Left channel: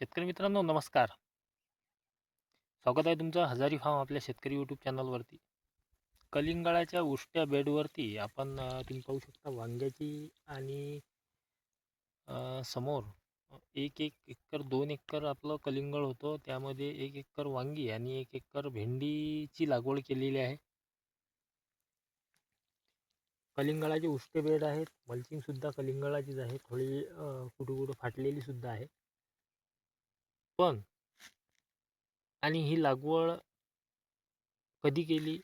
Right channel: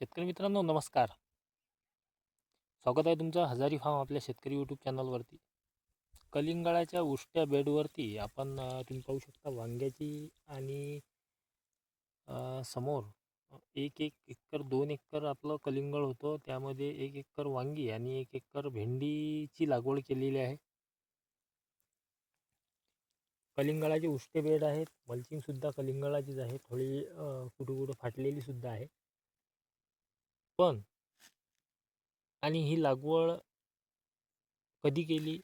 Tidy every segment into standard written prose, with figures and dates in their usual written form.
शेतकरी मित्रांनो नमस्कार. स्वागत आहे तुमचं हजारी फार्म आपल्या शेतकरी यूट्यूब चॅनलवरती. कलिंगळाच्या उष्ट्या बेडवरती आपण तुम्ही पाहू शकता वांग्याची आणि समोर 1 एकर 2 एकर आपलं कलिंगळ होतं. त्यामध्ये 1 एकर वांगी आणि 1 एकर भेंडीची लागवड केलेली आहे. कलिंगळाचे उष्ट्य बेड आहेत. मल्चिंग सुद्धा कलिंगळाचीच आहे. थोडी कुठं फाटलेली सुद्धा आहे. पण आणि ही लागवड कधी केली,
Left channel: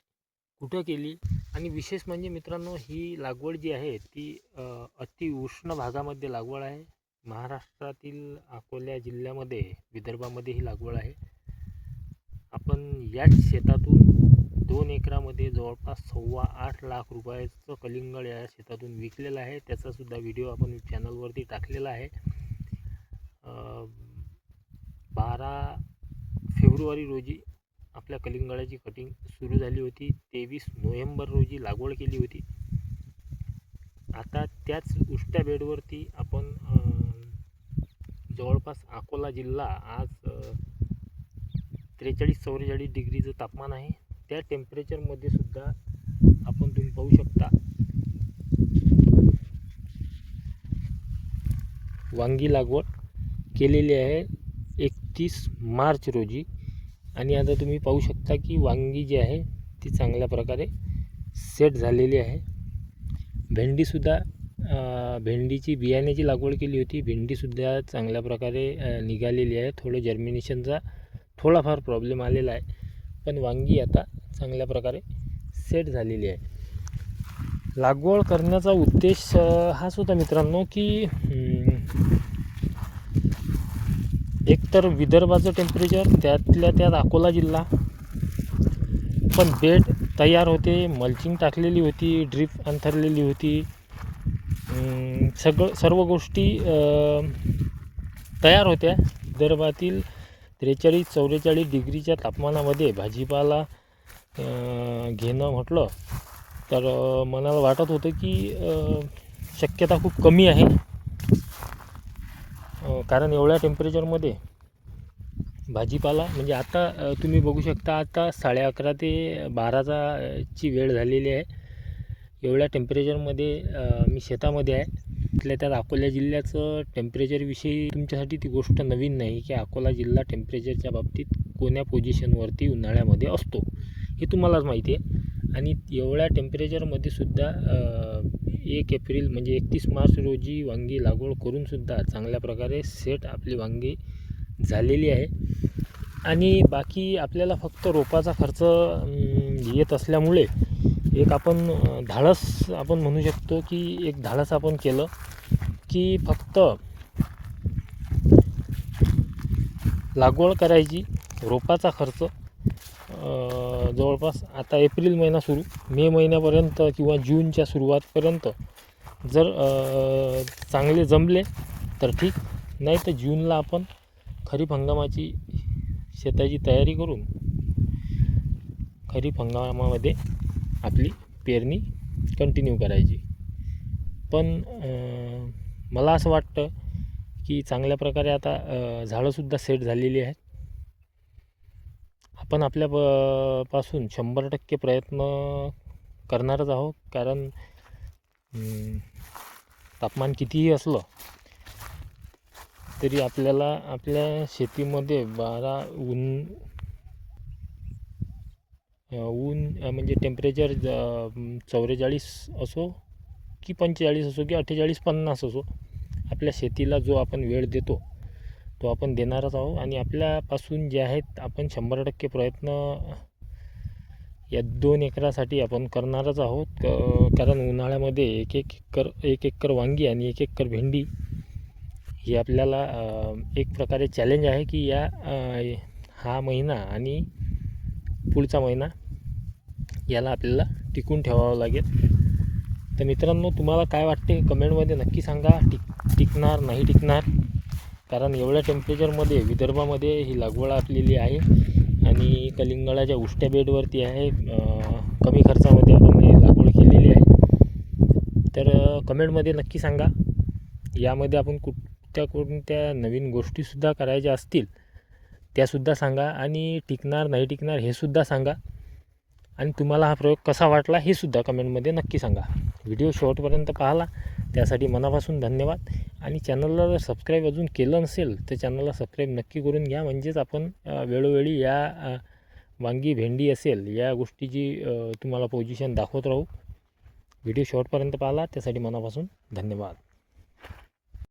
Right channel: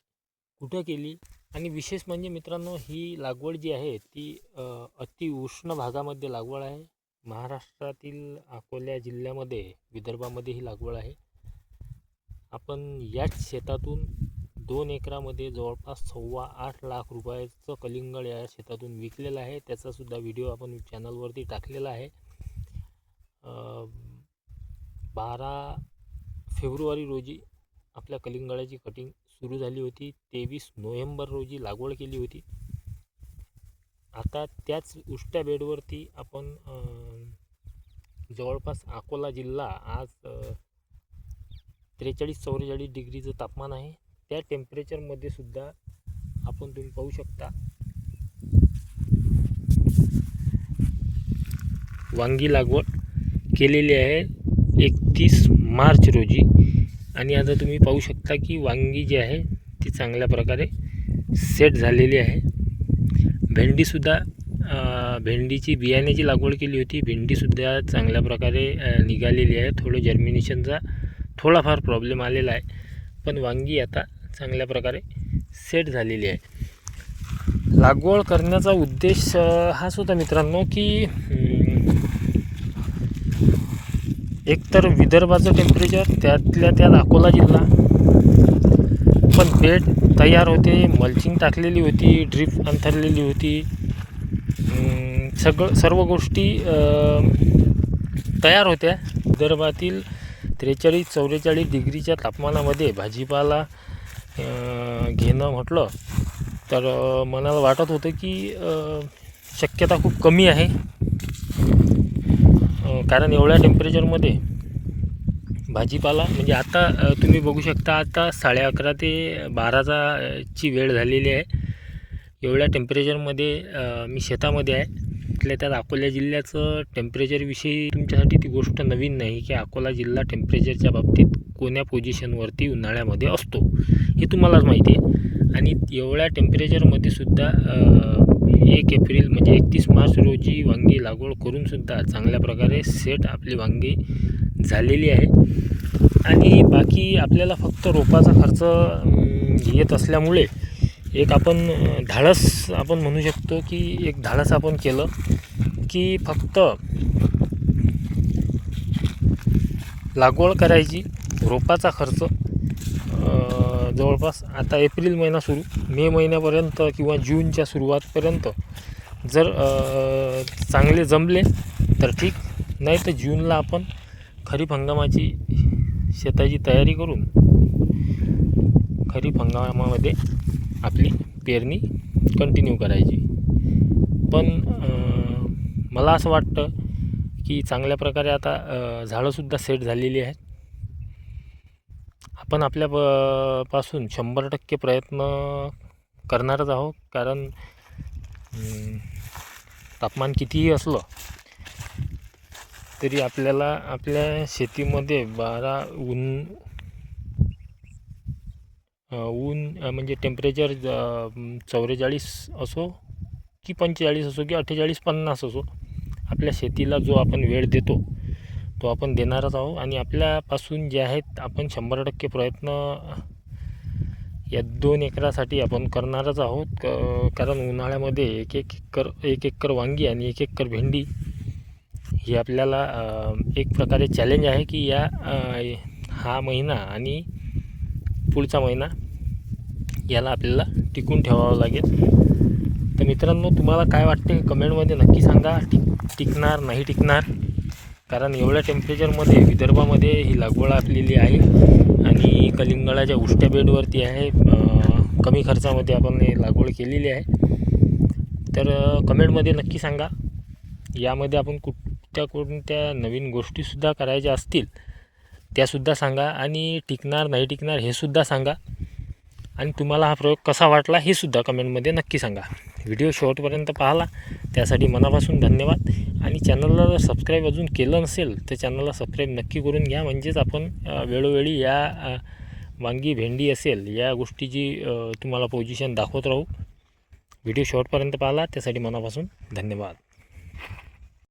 कुठं केली आणि विशेष म्हणजे मित्रांनो ही लागवड जी आहे ती अति उष्ण भागामध्ये लागवड आहे. महाराष्ट्रातील अकोला जिल्ह्यामध्ये, विदर्भामध्ये ही लागवड आहे. आपण याच शेतातून 2 एकरामध्ये जवळपास 8.25 लाख रुपयाचं कलिंगड या शेतातून विकलेलं आहे. त्याचा सुद्धा व्हिडिओ आपण चॅनलवरती टाकलेला आहे. 12 फेब्रुवारी रोजी आपल्या कलिंगडाची कटिंग सुरू झाली होती. 23 नोव्हेंबर रोजी लागवड केली होती. आता त्याच उष्ट्या बेडवरती आपण जवळपास अकोला जिल्हा आज 43-44 डिग्रीचं तापमान आहे. त्या टेम्परेचरमध्ये सुद्धा आपण तुम्ही पाहू शकता वांगी लागवड केलेली आहे 31 मार्च रोजी. आणि आता तुम्ही पाहू शकता की वांगी जी आहे ती चांगल्या प्रकारे सेट झालेली आहे. भेंडीसुद्धा भेंडीची बियाण्याची लागवड केली होती. भेंडीसुद्धा चांगल्या प्रकारे निघालेली आहे. थोडं जर्मिनेशनचा थोडाफार प्रॉब्लेम आलेला आहे, पण वांगी आता चांगल्या प्रकारे सेट झालेली आहे. लागवड करण्याचा उद्देश हाच होता मित्रांनो की एकतर विदर्भाचं टेम्परेचर, त्यातल्या त्यात अकोला जिल्हा, पण बेड तयार होते, मल्चिंग टाकलेली होती, ड्रीप अंथरलेली होती, सर्व गोष्टी तयार होत्या. विदर्भातील 43-44 डिग्रीच्या तापमानामध्ये भाजीपाला घेणं म्हटलं तर मनाला वाटत होतं की शक्यता खूप कमी आहे. कारण एवढ्या टेम्परेचरमध्ये भाजीपाला म्हणजे आता तुम्ही बघू शकता आता 11:30 ते 12ची वेळ झालेली आहे. एवढ्या टेम्परेचरमध्ये मी शेतामध्ये आहे. त्यातल्या त्यात अकोला जिल्ह्याचं टेम्परेचरविषयी तुमच्यासाठी ती गोष्ट नवीन नाही की अकोला जिल्हा टेम्परेचरच्या बाबतीत कोण्या पोझिशनवरती उन्हाळ्यामध्ये असतो हे तुम्हालाच माहिती आहे. आणि एवढ्या टेम्परेचरमध्ये सुद्धा 1 एप्रिल म्हणजे 31 मार्च रोजी वांगी लागवड करूनसुद्धा चांगल्या प्रकारे सेट आपली वांगी झालेली आहे. आणि बाकी आपल्याला फक्त रोपाचा खर्च येत असल्यामुळे एक आपण धाडस आपण म्हणू शकतो की एक धाडस आपण केलं की फक्त लागवड करायची. रोपाचा खर्च जवळपास आता एप्रिल महिना सुरू, मे महिन्यापर्यंत किंवा जूनच्या सुरुवातपर्यंत जर चांगले जमले तर ठीक, नाही तर जूनला आपण खरीप हंगामाची शेताची तयारी करून खरीप हंगामामध्ये आपली पेरणी कंटिन्यू करायची. पण मला असं वाटतं की चांगल्या प्रकारे आता झाडंसुद्धा सेट झालेली आहेत. आपण आपल्या पासून 100% प्रयत्न करणारच आहोत. कारण तापमान कितीही असलं तरी आपल्याला आपल्या शेतीमध्ये 12 ऊन म्हणजे टेम्परेचर 44 असो की 45 असो की 48-50 असो, आपल्या शेतीला जो आपण वेळ देतो तो आपण देणारच आहोत. आणि आपल्यापासून जे आहेत आपण 100% प्रयत्न या 2 एकरासाठी आपण करणारच आहोत. कारण उन्हाळ्यामध्ये 1 एकर वांगी आणि 1 एकर भेंडी ही आपल्याला एक प्रकारे चॅलेंज आहे की हा महिना आणि पुढचा महिना याला आपल्याला टिकून ठेवावं लागेल. तर मित्रांनो तुम्हाला काय वाटते कमेंटमध्ये नक्की सांगा. टिकणार नाही टिकणार, कारण एवढ्या टेम्परेचरमध्ये विदर्भामध्ये ही लागवड आपलेली आहे आणि कलिंगडाच्या उष्ट्या बेडवरती आहे. कमी खर्चामध्ये आपण ही लागवड केलेली आहे. तर कमेंटमध्ये नक्की सांगा यामध्ये आपण कोणत्या नवीन गोष्टीसुद्धा करायच्या असतील त्यासुद्धा सांगा, आणि टिकणार नाही टिकणार हे सुद्धा सांगा, आणि तुम्हाला हा प्रयोग कसा वाटला हे सुद्धा कमेंटमध्ये नक्की सांगा. व्हिडिओ शेवटपर्यंत पाहिला त्यासाठी मनापासून धन्यवाद. आणि चॅनलला जर सबस्क्राईब अजून केलं नसेल तर चॅनलला सबस्क्राईब नक्की करून घ्या, म्हणजेच आपण वेळोवेळी या वांगी भेंडी असेल या गोष्टीची तुम्हाला पोझिशन दाखवत राहू. व्हिडिओ शेवटपर्यंत पाहिला त्यासाठी मनापासून धन्यवाद.